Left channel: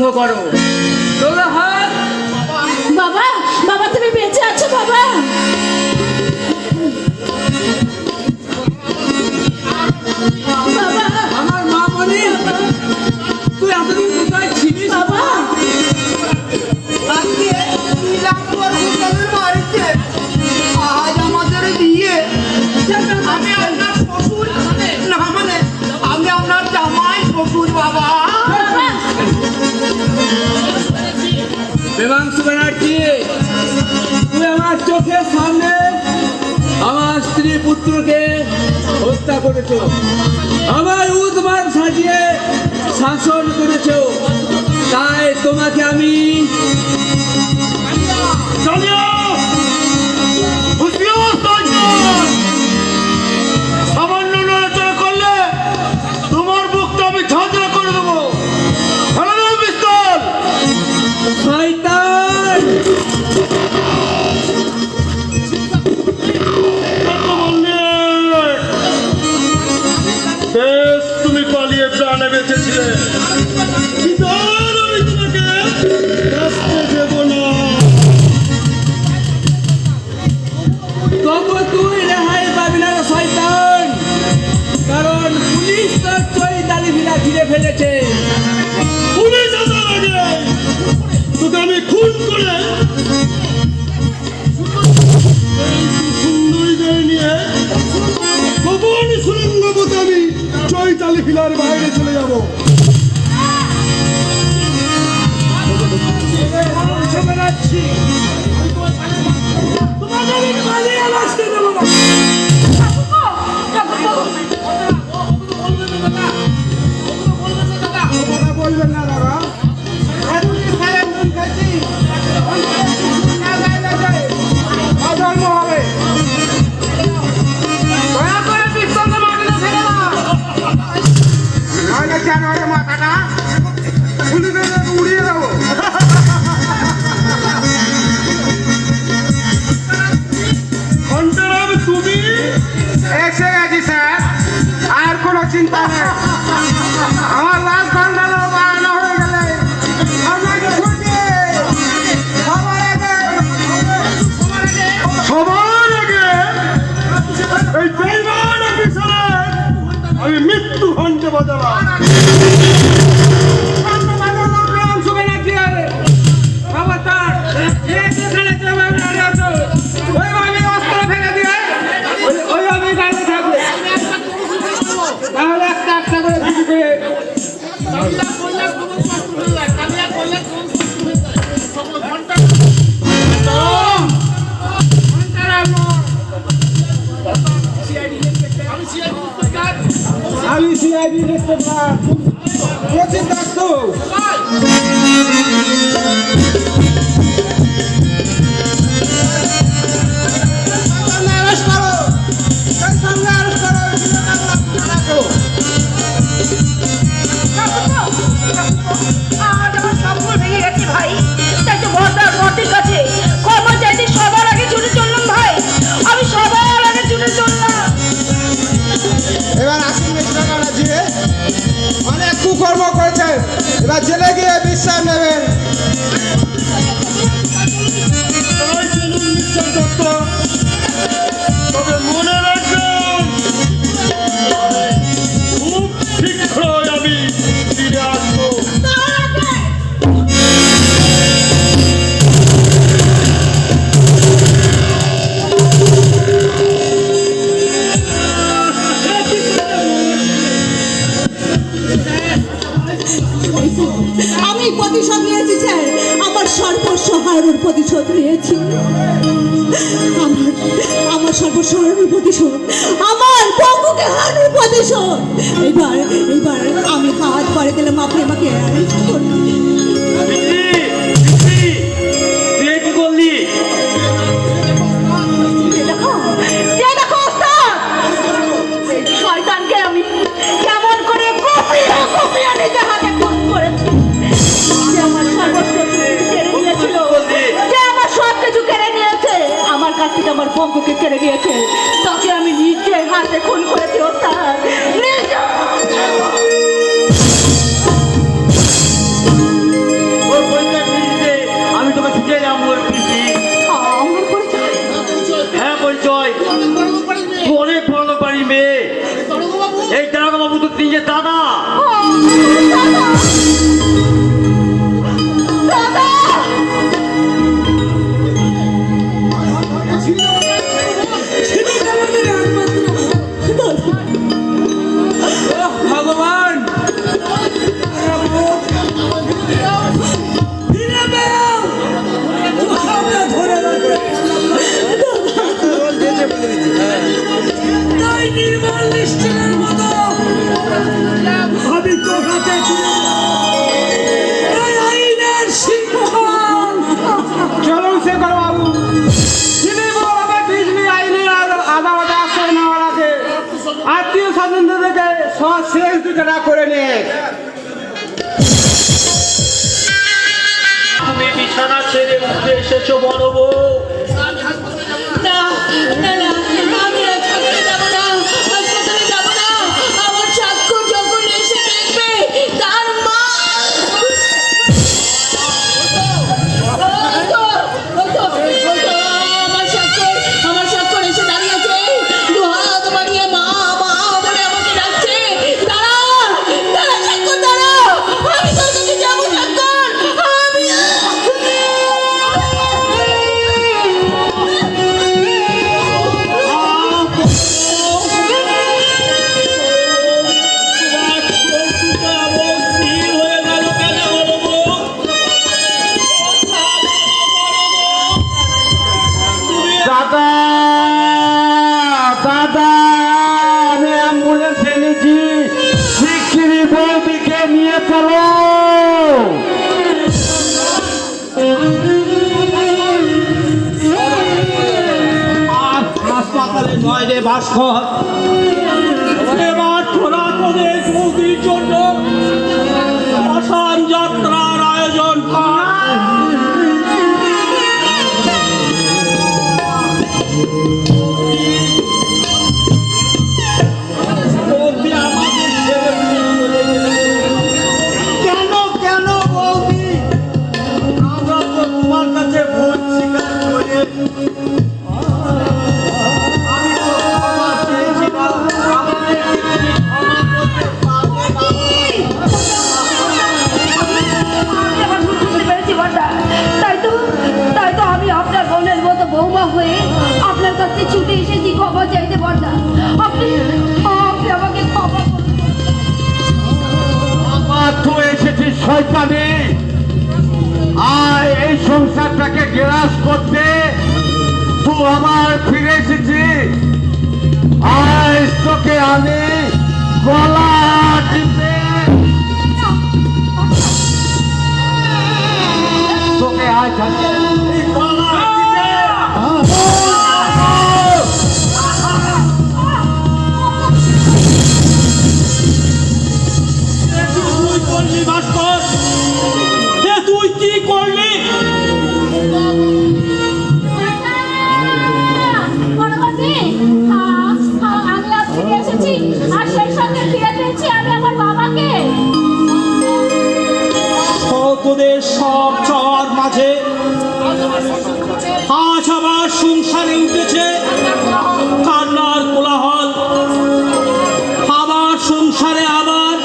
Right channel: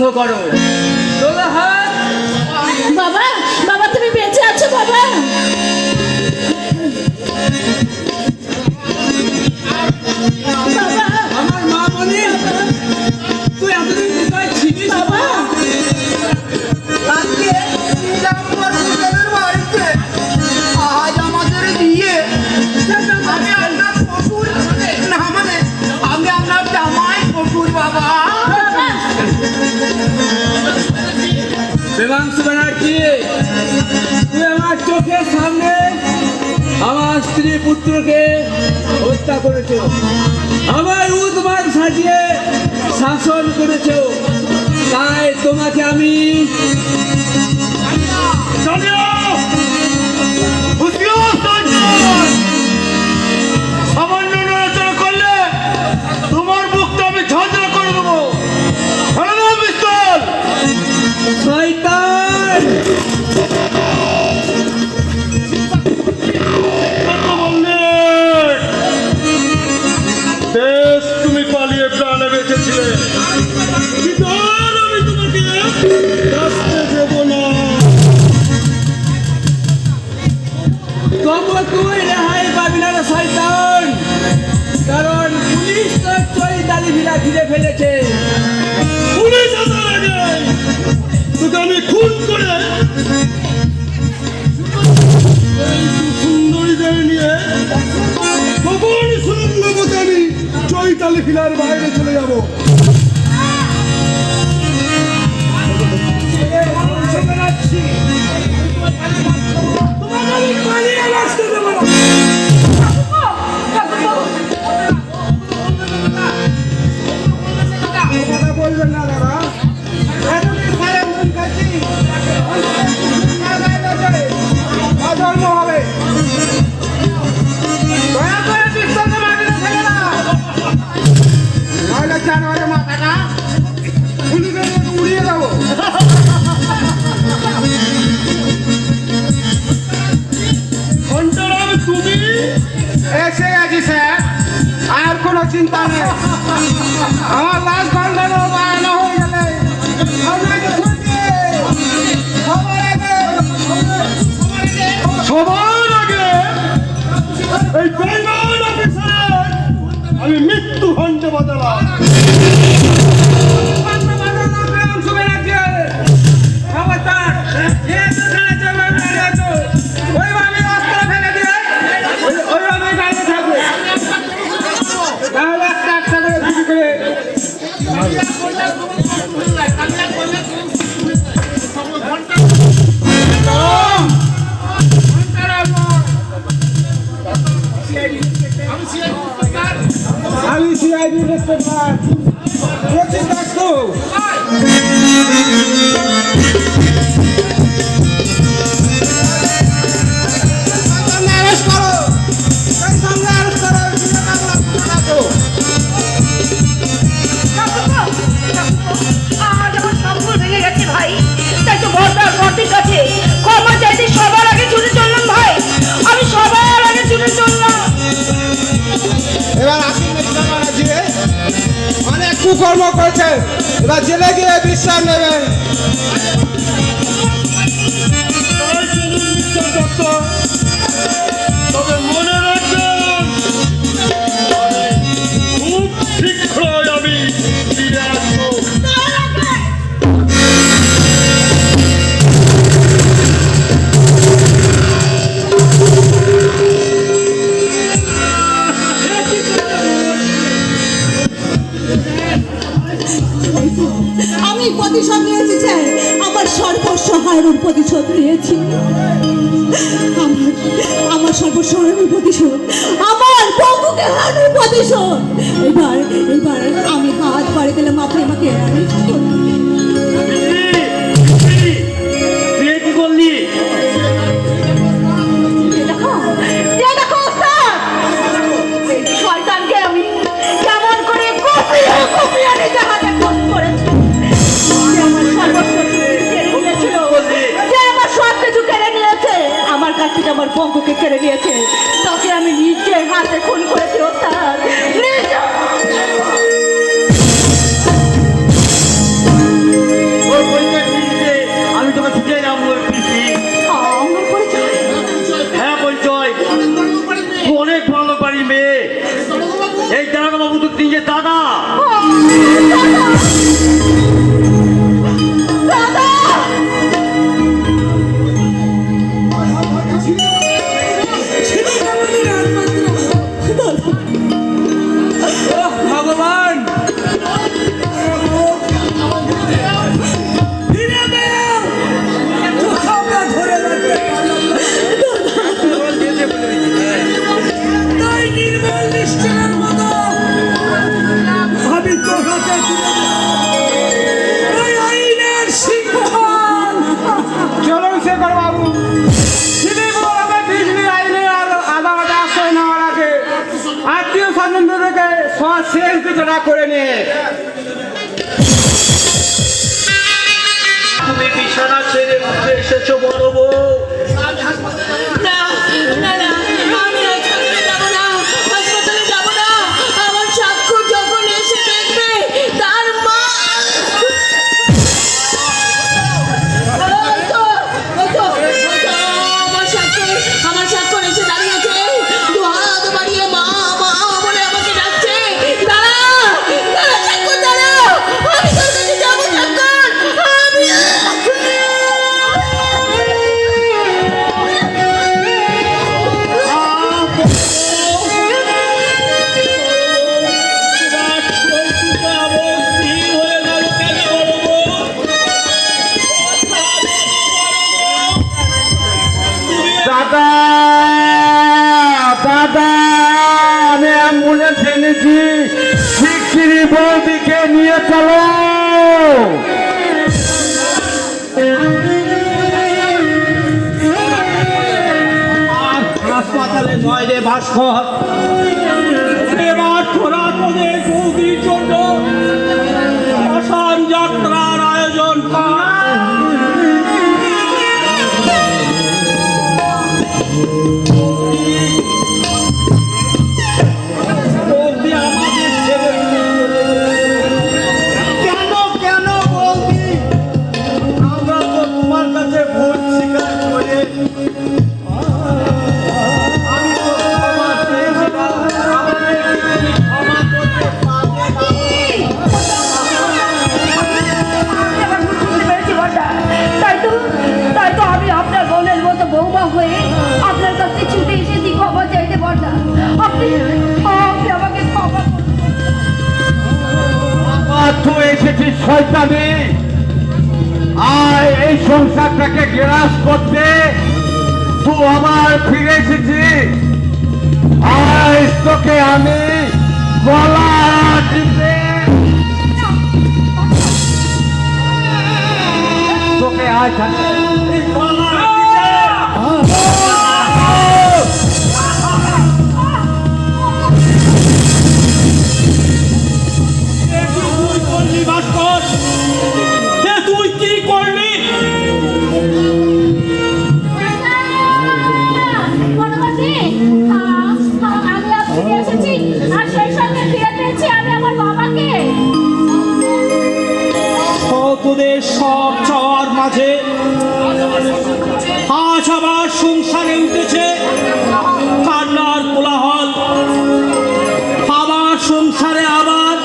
বন্ধ করো। তোলো হাত। বাবা, বাবা তুমি বেঁচে আছো বাবা? বাবা, আমার মা বলি তুই এতদিন কোথায় ছিলিস বাবা? আজকে রামপুর হুজুরের বাড়িতে আজ আমাদের দিয়ে আমি আপনার শ্বশুর না মানে আমি আপনার জামাই শ্বশুর বাবা। দেবাংশু ব্যানার্জি, তুই আমার চোখের সামনে আমার স্ত্রী পুত্রকে হত্যা করেছ, আমার উদ্মান সাজিয়ে শাসন করেছ, তাই তোমাকে আমি সামান্য নড়াচড়া করলে তোমার মুখটা আমি ঝাঁঝরা করে দেবো। পিস্তল শয়তান! বেশ, তুমি পালিয়ে প্রাণে বেঁচেছিলে, কিন্তু আর আমি তোমাকে বাঁচতে দেব না। তবু তুই রেহাই পাবি না রে শয়তান, কারণ পুলিশ তোর চৈতালি ভিলা ঘিরে ফেলেছে। পুলিশ আসার আগে তোকে আমি খুন করে এই সুন্দরীদের নিয়ে খবর সুরঙ্গপথে আমি চৈতালি ফিলার বাইরে চলে যাব। বলবেন না দাদা, অধর্ম হবে। জানোয়ারের মাথাটা উড়িয়ে দেবো। ঘন্টারাম, তুমি এসে গেছি স্যার, আর কোনো চিন্তা নেই। আমার লাশ ঘন্টারও বাড়ানো হয়ে গেলে আপনাকে ছুটে সবার আগে এই বেইমান অফিসারের আমি মৃত্যু ঘন্টা বাজালাম। আমি সিআইডি ইন্সপেক্টর কোচিং দত্ত। এবার আসুন অনেক কুকর্ম করেছে, এবার জেলে গিয়ে বিশ্রাম নেবেন। তবে মনে রাখবেন, খুব শীঘ্রই আমি ফিরে আসবো। আমি প্রতিশোধ নিয়েছি স্যার, আমার সর্বস্ব হারানোর প্রতিশোধ নিয়েছি। আমার সর্বস্ব হারানোর প্রতিশোধ, আমার বন্ধুকে হারানোর প্রতিশোধ। এবার আমি হাত পাড়ে দিলাম, আপনি আমাকে অ্যারেস্ট করুন। কি করলি? শয়তানকে আমি কেমন করে কুপিয়ে নিজে হাতে খুন করেছি। আমার সব কিছু কেড়ে নিয়েছে, আমার কাছ থেকে আমার বন্ধুকে কেড়ে নিয়েছে, তাকে আমি নিজের হাতে খুন করেছি। বলে দিচ্ছি। তাই নির্মল নিশ্চলের মতো আমি তোর হাতে তুলে দেব এই আইনের সিংহাসন। চলুন শেখর বাবু, তিনি বলবে বিজলি আইনে আদালতে আশ্রয় নেওয়ার আগে আত্মীয় স্বজন থেকে সব শেষ দুটা করে নিয়ে তুমি বিছানা ছেড়ে উঠে এসেছো বড় বউ। না না না আমি হাসপাতালে যাব না, হাসপাতালে যাব না। আমার চাক্ষুষ যখন এসে দেখবে তার মা আমার স্বাক্ষর এসে দাঁড়িয়েছে, দু হাত বাড়িয়ে মা মা বলে আমাকে ডাকছে। দাঁড়া দাঁড়া স্বাক্ষর, দাঁড়া, আমি তোর কাছে যাবো স্বাক্ষর, আমি দাদা দাদা আমি অ্যাম্বুলেন্স এনেছি, শিগগিরই বৌদিকে নিয়ে চলো। হাসপাতালে নয় রে ভাস্কর, এবার তোরা তোদের বৌদির জন্য শ্মশান যাত্রার আয়োজন কর। বৌদি আমাদের ছেলে কেন কেন বৌদি? আমরা তো তোমার কাছে ভুল স্বীকার করে আমি তো ক্ষমা চেয়েছিলাম, আমাদেরকে তুমি ক্ষমা করতে তাই তো আমি আপনার বোনের মতো বৌমা হয়ে আপনার কাছে ছুটে এসেছি ক্ষমা চাইতে বর্দা। আপনি আমাকে ক্ষমা করুন। আমার তো এসেছিস শয়তানি, আর এই সংসারটাকে গ্রাস করতে তো আমার ফিরে এসেছি। আজ তোকে আমি গলা টিপে তোকে আজ এই গলা তুই করলি ভাস্কর, তুই কি করলি? বড়বাবু, আমি আপনাকে এসেছি আর সেই সঙ্গে ফিরে পেয়েছি আমি আমার বাবাকে। তোদের সব চর মাঝে আজ আবার সংসারে উঠেছে কান্নার কোলাহল। আবার সংসারে আবার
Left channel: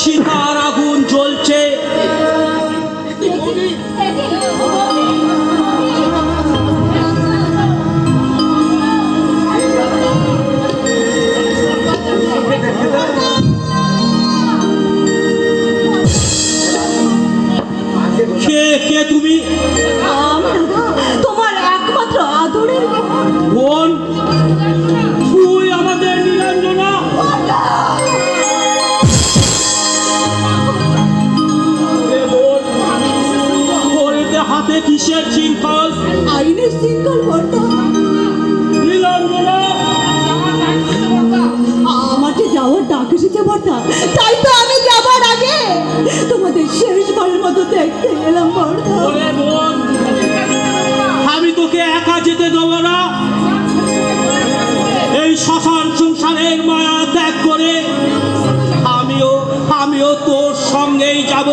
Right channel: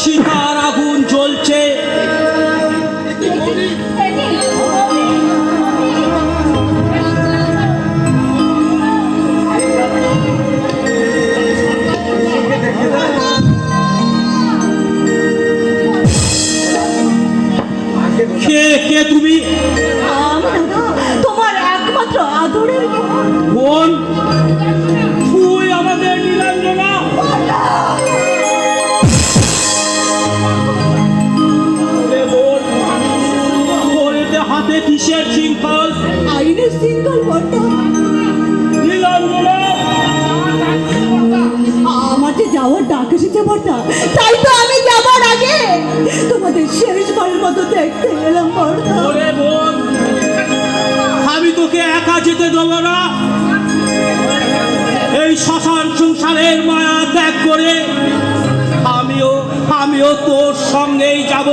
সীতার আগুন জ্বলছে। কে কে তুমি? আমি তোমার একমাত্র আদরের বোন, তুই আমাদের নীলাঞ্জনা। ওরে বোন, তোর এতে হাতে কিসের শৃঙ্খল? আইনের সিঙ্গল বর্তা। নীলাঞ্জনা, আমার যে যাওয়ার ডাক এসেছে বর্তা, তাই তো আমি যাবার আগে তোমাদের শেষবারের মতো দেখতে এলাম বর্তা। ওরে বোন, আমি তোকে একা যেতে দেবো না। এই শ্মশান সংসারের মায়া ত্যাগ করে আমিও তোর সঙ্গেই যাব।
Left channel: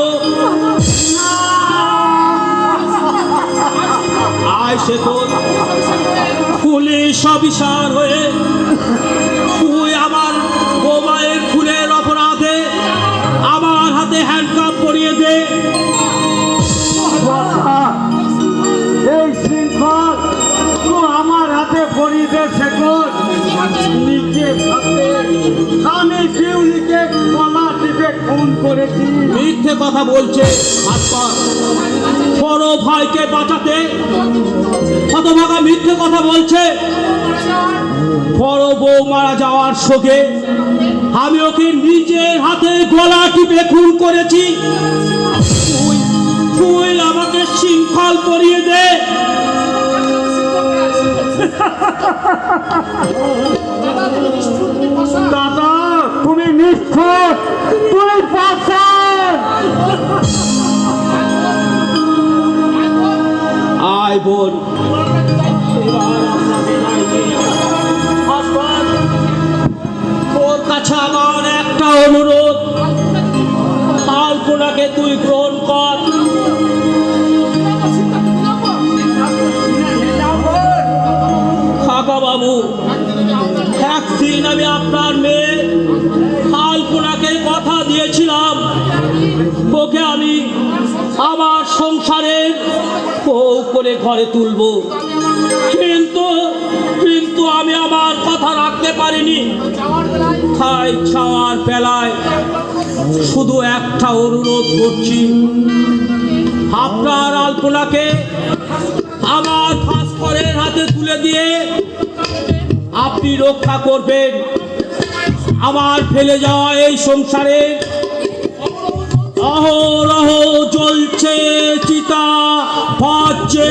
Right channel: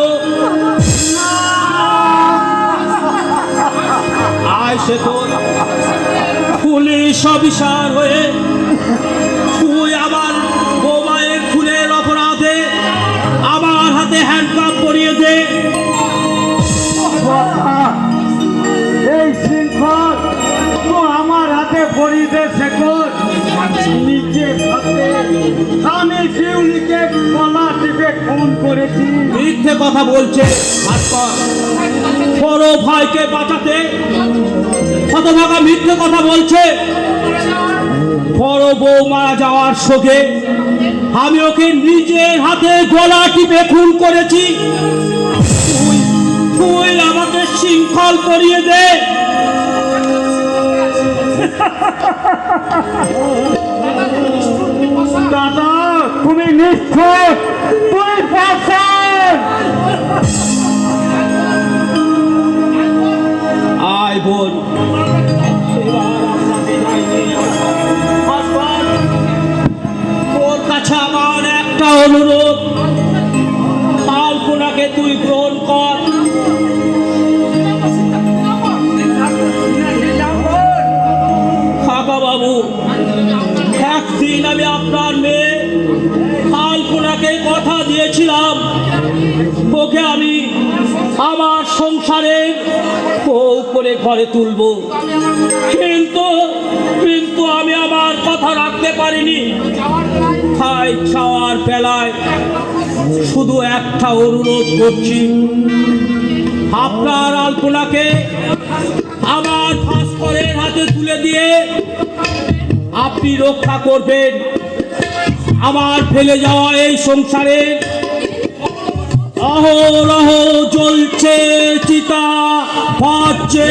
আয় সে তোর পুলিশ অফিসার হয়ে তুই আমার মোবাইল খুনের অপরাধে আমার হাতে হ্যান্ডকাপ পরিয়ে দে। এই শৃঙ্খল তো আমার হাতে পরিবে শেখর, নিজে হাতে আমি শিউলিকে গলা টিপে খুন করেছি। মিথ্যে কথা বলছে ভাস্কর, বড় ভাইকে বাঁচাতে হতভাগা মিথ্যে কথা বলছে। বড় বউ মারা যাওয়ার শোকে আমি ওকে নিজের হাতে গলা টিপে খুন করেছি। তুই আমাকে শৃঙ্খল করিয়ে দে। দাদা তুমি নিষ্ঠুর, তুই পাষাণ। আয় বোন, এবার আমরা বিদায় নিই। আসবান, তোর কাছে আমার একটা অনুরোধ, আলপনাকে তুই গ্রহণ কর। কাকা বাবু, একদিন আমি আপনার মেয়ে আলপনাকে কথা দিয়েছিলাম, ওকে আমি আমার সংসারে বউ করে ঘরে তুলবো, কিন্তু কিন্তু আমি আমার কথা রাখতে পারিনি। খাই খাওয়ার বেলায় শুধু একটা অনুরোধ করছি, আপনার আলপনাকে আমার ভাস্করের হাতে তুলে দিয়ে আপনি রক্ষা করবেন। আমার ফেলে যাওয়া এই সংসারে অহরহ জ্বলছে চিতা, বাজছে